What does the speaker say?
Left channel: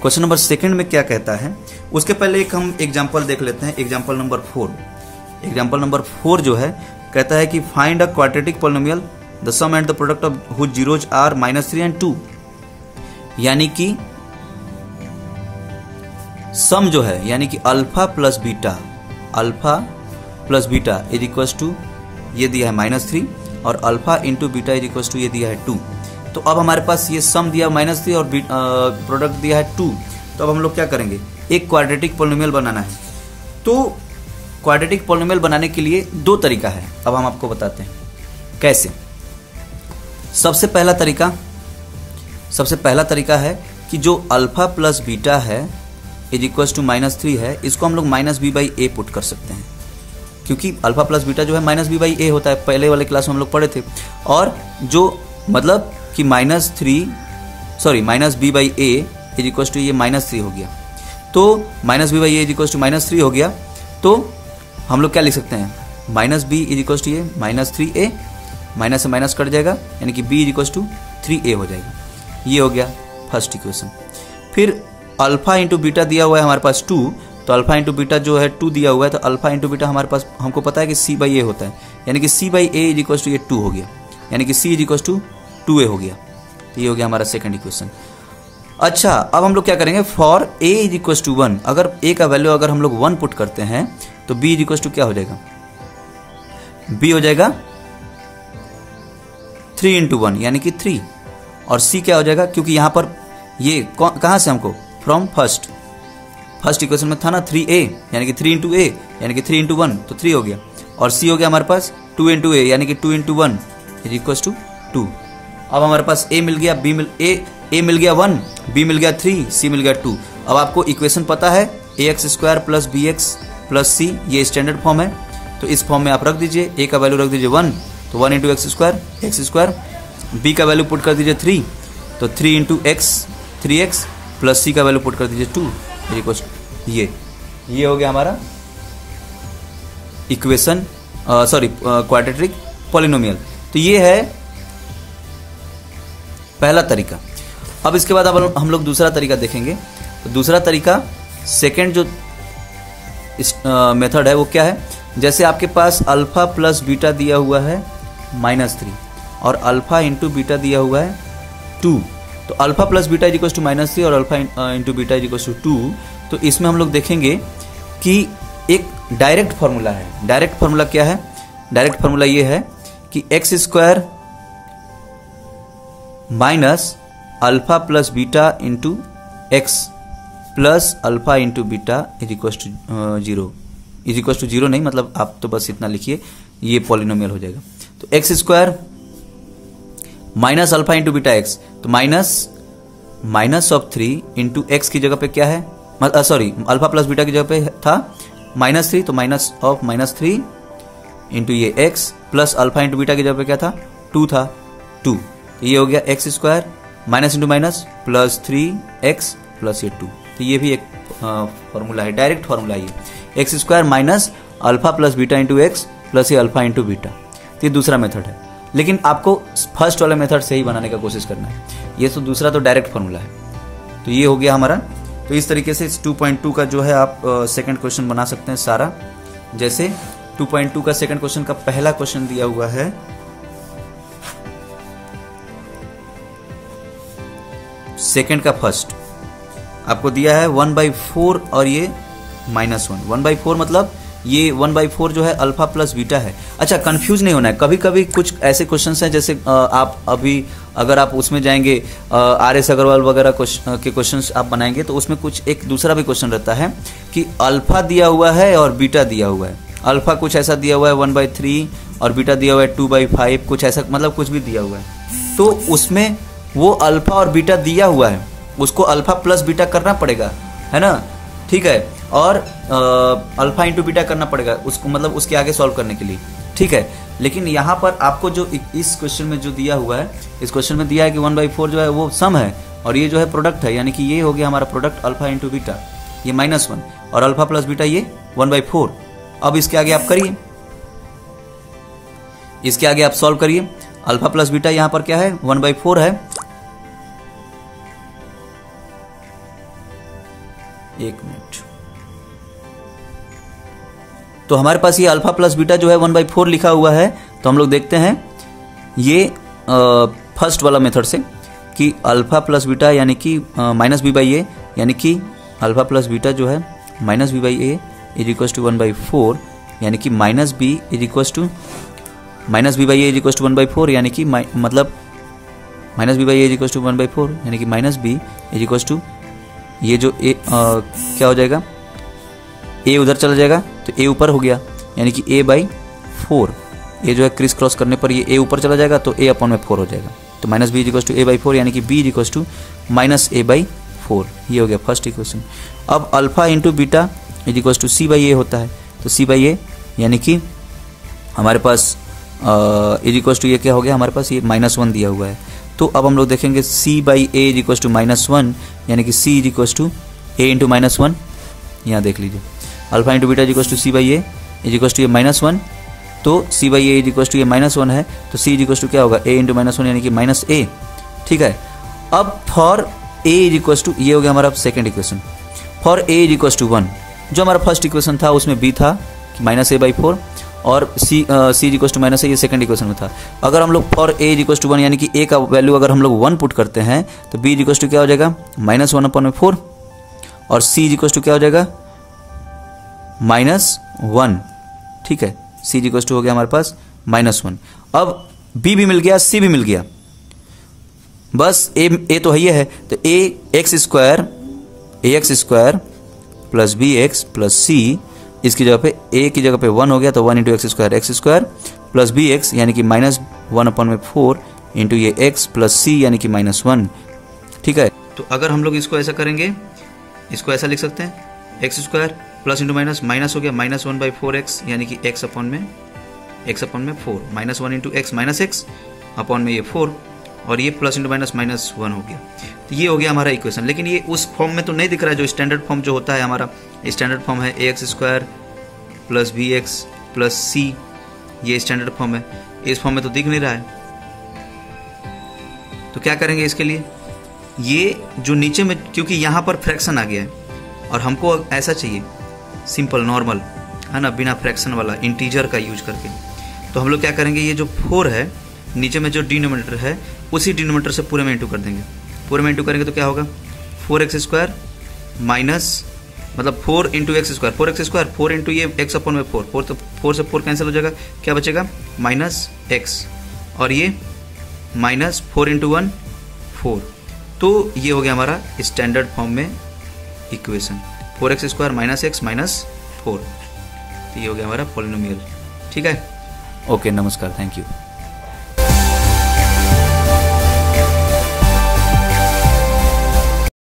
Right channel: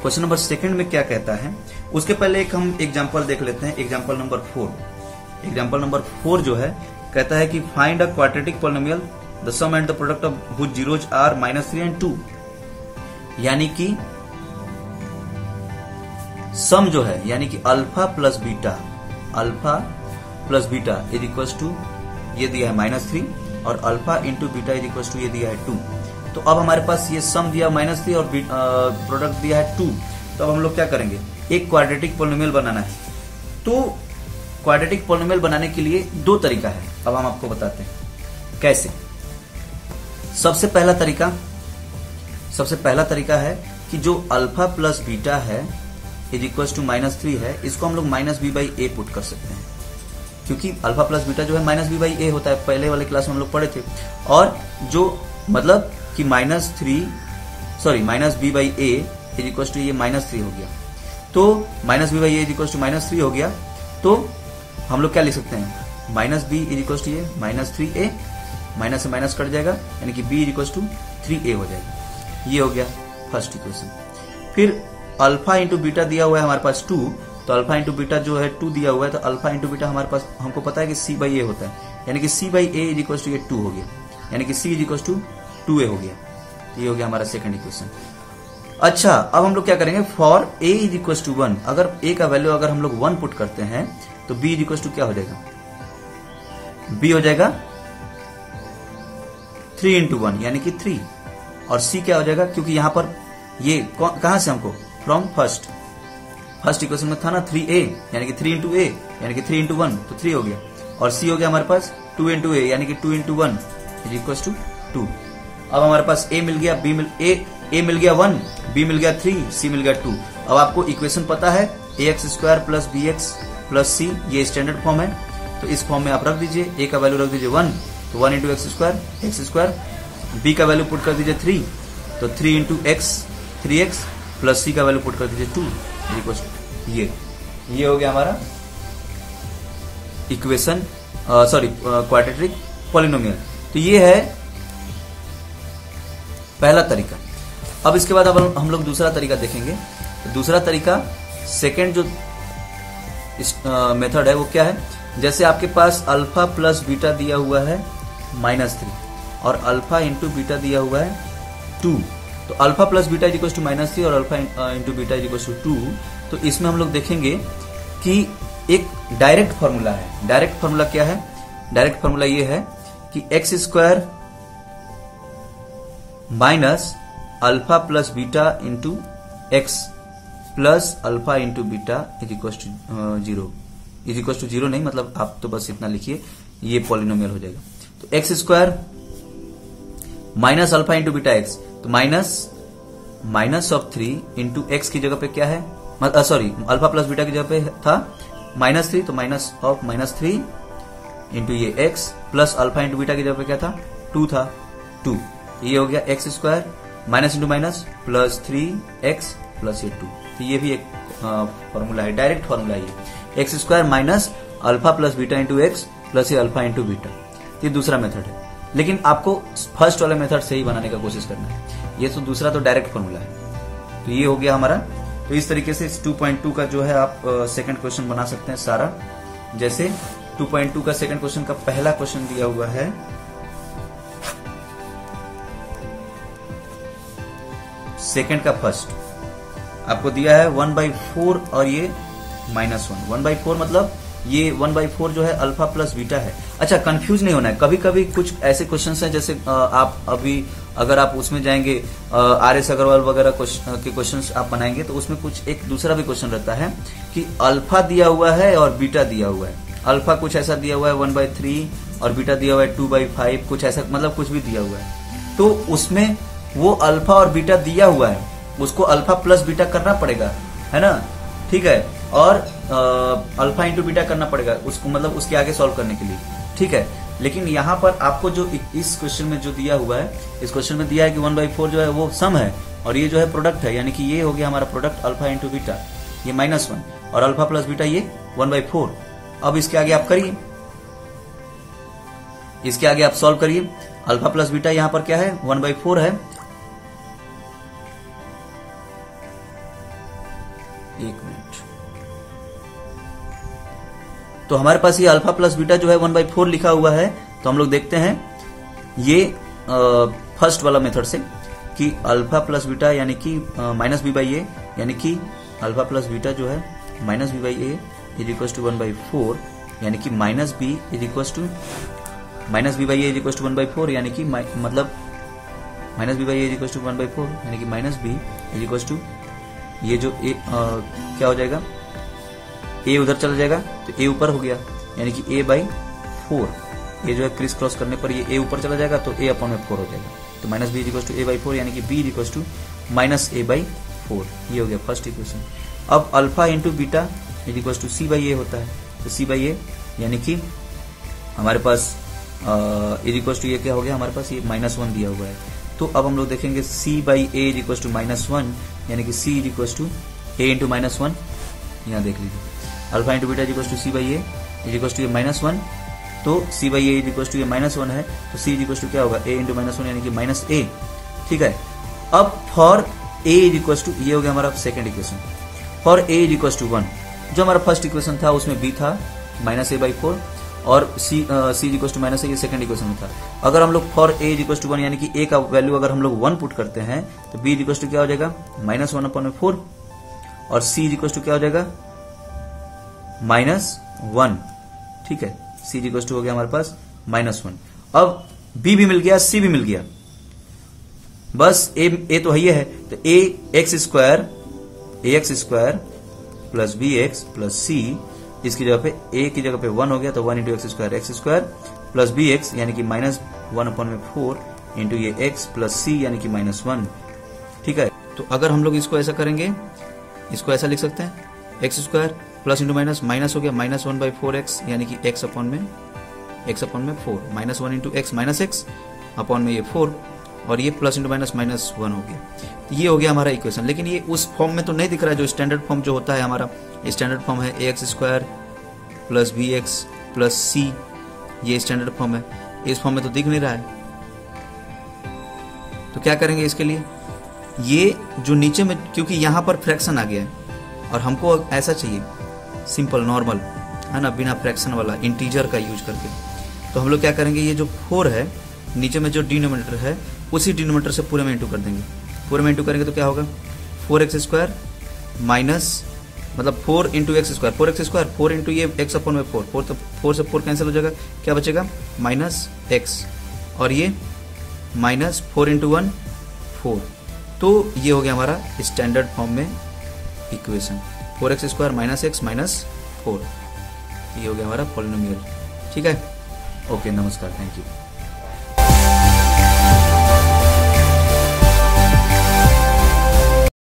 Question number second में क्या कहता है उसके पहले एक हम एग्जांपल देख लेते हैं। Example number 4। एग्जांपल नंबर 4 जो है कहता है कि find a quadratic polynomial the sum and the product of whose zeros are -3 and 2। यानी कि सम जो है यानी कि alpha plus beta is equal to ये दिया है -3 और alpha into beta is equal to ये दिया है 2। तो अब हमारे पास ये सम दिया -3 और प्रोडक्ट दिया है 2। तो अब हम लोग क्या करेंगे, एक क्वाड्रेटिक पॉलिनोमियल बनाना है। तो क्वाड्रेटिक पॉलिनोमियल बनाने के लिए दो तरीका है, अब हम आपको बताते हैं कैसे। सबसे पहला तरीका है कि जो अल्फा प्लस बीटा है इज इक्वल टू -3 है, इसको हम लोग -b/a पुट कर सकते हैं, क्योंकि अल्फा प्लस बीटा जो है -b/a होता है, पहले वाले क्लास में हम लोग पढ़े थे। और जो मतलब कि -b/a इज इक्वल टू ये -3 हो गया। तो -b/a इज इक्वल टू -3 हो गया, तो हम लोग क्या लिख सकते हैं, -b इज इक्वल टू ये -3a, माइनस से माइनस कट जाएगा यानी कि b is equal to 3a हो जाएगा। ये हो गया फर्स्ट इक्वेशन। फिर अल्फा इंटू बीटा दिया हुआ है हमारे पास 2, तो अल्फा इंटू बीटा जो है 2 दिया हुआ है, तो अल्फा इंटू बीटा हमारे पास हमको पता है कि c/a होता है, यानी कि c/a इज इक्वल टू ये 2 हो गया, यानी कि c is equal to 2a हो गया। तो ये हो गया हमारा सेकंड इक्वेशन। अच्छा, अब हम लोग क्या करेंगे, for a is equal to 1, अगर a का वैल्यू अगर हम लोग 1 पुट करते हैं तो b इज इक्वल टू क्या हो जाएगा, b हो जाएगा 3 इंटू 1 यानी कि 3, और c क्या हो जाएगा, क्योंकि यहां पर ये कहां से हमको फ्रॉम फर्स्ट इक्वेशन में था ना 3a, यानी कि 3 इंटू a यानी कि 3 इंटू 1 तो 3 हो गया, और c हो गया हमारे पास 2 इंटू a यानी कि 2 इंटू 1 इज इक्वल टू 2। अब हमारे पास a मिल गया, a मिल गया 1, b मिल गया 3, c मिल गया 2। अब आपको इक्वेशन पता है ax² plus bx plus c, ये स्टैंडर्ड फॉर्म है, तो इस फॉर्म में आप रख दीजिए। a का वैल्यू रख दीजिए 1, तो 1 इंटू x², b का वैल्यू पुट कर दीजिए 3, तो 3 into x 3x plus c का वैल्यू पुट कर दीजिए 2 इक्वल ये हो गया हमारा इक्वेशन, क्वाड्रेटिक पॉलिनोमियल। तो ये है पहला तरीका। अब इसके बाद अब हम लोग दूसरा तरीका देखेंगे। तो दूसरा तरीका सेकंड जो मेथड है वो क्या है, जैसे आपके पास अल्फा प्लस बीटा दिया हुआ है -3 और अल्फा इंटू बीटा दिया हुआ है 2, तो alpha plus beta is equal to -3 और alpha into beta is equal to 2। तो इसमें हम लोग देखेंगे कि एक डायरेक्ट फॉर्मूला है। डायरेक्ट फॉर्मूला क्या है, डायरेक्ट फॉर्मूला ये है कि x² minus alpha plus beta into x plus alpha into beta is equal to 0, is equal to 0 नहीं, मतलब आप तो बस इतना लिखिए, ये पॉलिनोमियल हो जाएगा। तो x² minus alpha into beta x, तो माइनस ऑफ 3 इंटू एक्स की जगह पे क्या है, अल्फा प्लस बीटा की जगह पे था -3, तो माइनस ऑफ -3 इंटू ये x plus alpha into beta की जगह पे क्या था 2 था 2, ये हो गया x² minus into minus plus 3x plus ये 2। तो ये भी एक फॉर्मूला है, डायरेक्ट फॉर्मूला है x² minus alpha plus beta into x plus ये अल्फा इंटू बीटा। ये दूसरा मेथड है, लेकिन आपको फर्स्ट वाला मेथड से ही बनाने का कोशिश करना है। ये तो दूसरा तो डायरेक्ट फॉर्मूला है। तो ये हो गया हमारा। तो इस तरीके से 2.2 का जो है आप सेकंड क्वेश्चन बना सकते हैं सारा। जैसे 2.2 का सेकंड क्वेश्चन का पहला क्वेश्चन दिया हुआ है, सेकंड का फर्स्ट आपको दिया है 1/4 और ये -1। 1/4 मतलब ये 1/4 जो है अल्फा प्लस बीटा है। अच्छा, कंफ्यूज नहीं होना है, कभी कभी कुछ ऐसे क्वेश्चंस हैं, जैसे आप अभी अगर आप उसमें जाएंगे RS अग्रवाल वगैरह के क्वेश्चंस आप बनाएंगे, तो उसमें कुछ एक दूसरा भी क्वेश्चन रहता है कि अल्फा दिया हुआ है और बीटा दिया हुआ है। अल्फा कुछ ऐसा दिया हुआ है 1/3 और बीटा दिया हुआ है 2/5, कुछ ऐसा, मतलब कुछ भी दिया हुआ है। तो उसमें वो अल्फा और बीटा दिया हुआ है, उसको अल्फा प्लस बीटा करना पड़ेगा, है ना, ठीक है, और अल्फा इंटू बीटा करना पड़ेगा उसको, मतलब उसके आगे सॉल्व करने के लिए, ठीक है। लेकिन यहाँ पर आपको जो इस क्वेश्चन में जो दिया हुआ है, इस क्वेश्चन में दिया है कि 1/4 जो है वो सम है और ये जो है प्रोडक्ट है, यानी कि ये हो गया हमारा प्रोडक्ट अल्फा इंटू बीटा, ये -1 और अल्फा प्लस बीटा ये 1/4। अब इसके आगे आप करिए, इसके आगे आप सॉल्व करिए। अल्फा प्लस बीटा यहाँ पर क्या है 1/4 है, एक मिनट। तो हमारे पास ये अल्फा प्लस बीटा जो है 1/4 लिखा हुआ है। तो हम लोग देखते हैं ये फर्स्ट वाला मेथड से कि अल्फा प्लस बीटा यानी कि माइनस बी बाई ए, यानी कि अल्फा प्लस बीटा जो है minus b by A is equal to 1/4, यानी कि minus B is equal to minus b by A is equal to 1/4, यानी कि मतलब minus b by A is equal to 1/4, यानी कि minus B is equal to ये जो ए क्या हो जाएगा, ए उधर चला जाएगा तो ए ऊपर हो गया, यानी कि ए बाई 4, ये जो है क्रिस क्रॉस करने पर ये ए ऊपर चला जाएगा तो ए अपॉन में 4 हो जाएगा। तो minus B is equal to A by 4, यानी कि B is equal to minus A by 4, ये हो गया फर्स्ट इक्वेशन। अब alpha into beta is equal to C by A होता है। तो सी बाई ए यानी कि हमारे पास इज इक्वल टू ये क्या हो गया, हमारे पास ये -1 दिया हुआ है। तो अब हम लोग देखेंगे C by A is equal to -1, यानी कि C is equal to A into -1, यहाँ देख लीजिए alpha into beta is equal to C by A is equal to ये -1, तो C by A is equal to ये -1 है, तो सी इज इक्वल टू क्या होगा, ए इंटू -1 यानी कि माइनस ए। ठीक है, अब for A is equal to, ये हो गया हमारा second equation. For A is equal to 1, जो हमारा फर्स्ट इक्वेशन था उसमें बी था -a/4 और C is equal to -a, ये सेकंड इक्वेशन में था। अगर हम लोग for A is equal to 1 यानी कि ए का वैल्यू अगर हम लोग 1 पुट करते हैं तो बी इज इक्वल टू क्या हो जाएगा, -1/4 और सी इज इक्वल टू क्या हो जाएगा, -1। ठीक है, सी इज इक्वल टू हो गया हमारे पास -1। अब बी भी मिल गया, सी भी मिल गया, बस ए तो है, तो ax² plus bx plus c, इसकी जगह पे a की जगह पे 1 हो गया तो 1 इंटू x² प्लस bx यानी कि -1/4 इंटू ये x प्लस c यानी कि -1। ठीक है, तो अगर हम लोग इसको ऐसा करेंगे, इसको ऐसा लिख सकते हैं x² प्लस इंटू माइनस हो गया -1/4x यानी कि x अपॉन में 4, -1 into x minus x upon में ये 4 और ये प्लस इंटू माइनस -1 हो गया। तो ये हो गया हमारा इक्वेशन। लेकिन ये उस फॉर्म में तो नहीं दिख रहा है जो स्टैंडर्ड फॉर्म जो होता है हमारा। स्टैंडर्ड फॉर्म है ax² plus bx plus c, ये स्टैंडर्ड फॉर्म है। इस फॉर्म में तो दिख नहीं रहा है, तो क्या करेंगे इसके लिए, ये जो नीचे में, क्योंकि यहाँ पर फ्रैक्शन आ गया है और हमको ऐसा चाहिए सिंपल नॉर्मल, है ना, बिना फ्रैक्शन वाला इंटीजर का यूज करके, तो हम लोग क्या करेंगे, ये जो 4 है नीचे में जो डिनोमिनेटर है उसी डिनोमिनेटर से पूरे में इंटू कर देंगे। पूरे में इंटू करेंगे तो क्या होगा, 4x² माइनस मतलब 4 इंटू x², 4x², 4 इंटू ये x अपॉन में 4, तो 4 से 4 कैंसिल हो जाएगा, क्या बचेगा -x और ये -4 इंटू 1 4। तो ये हो गया हमारा स्टैंडर्ड फॉर्म में equation, 4x² minus x minus 4। तो ये हो गया हमारा पॉलिनोमियल। ठीक है, ओके, नमस्कार, थैंक यू।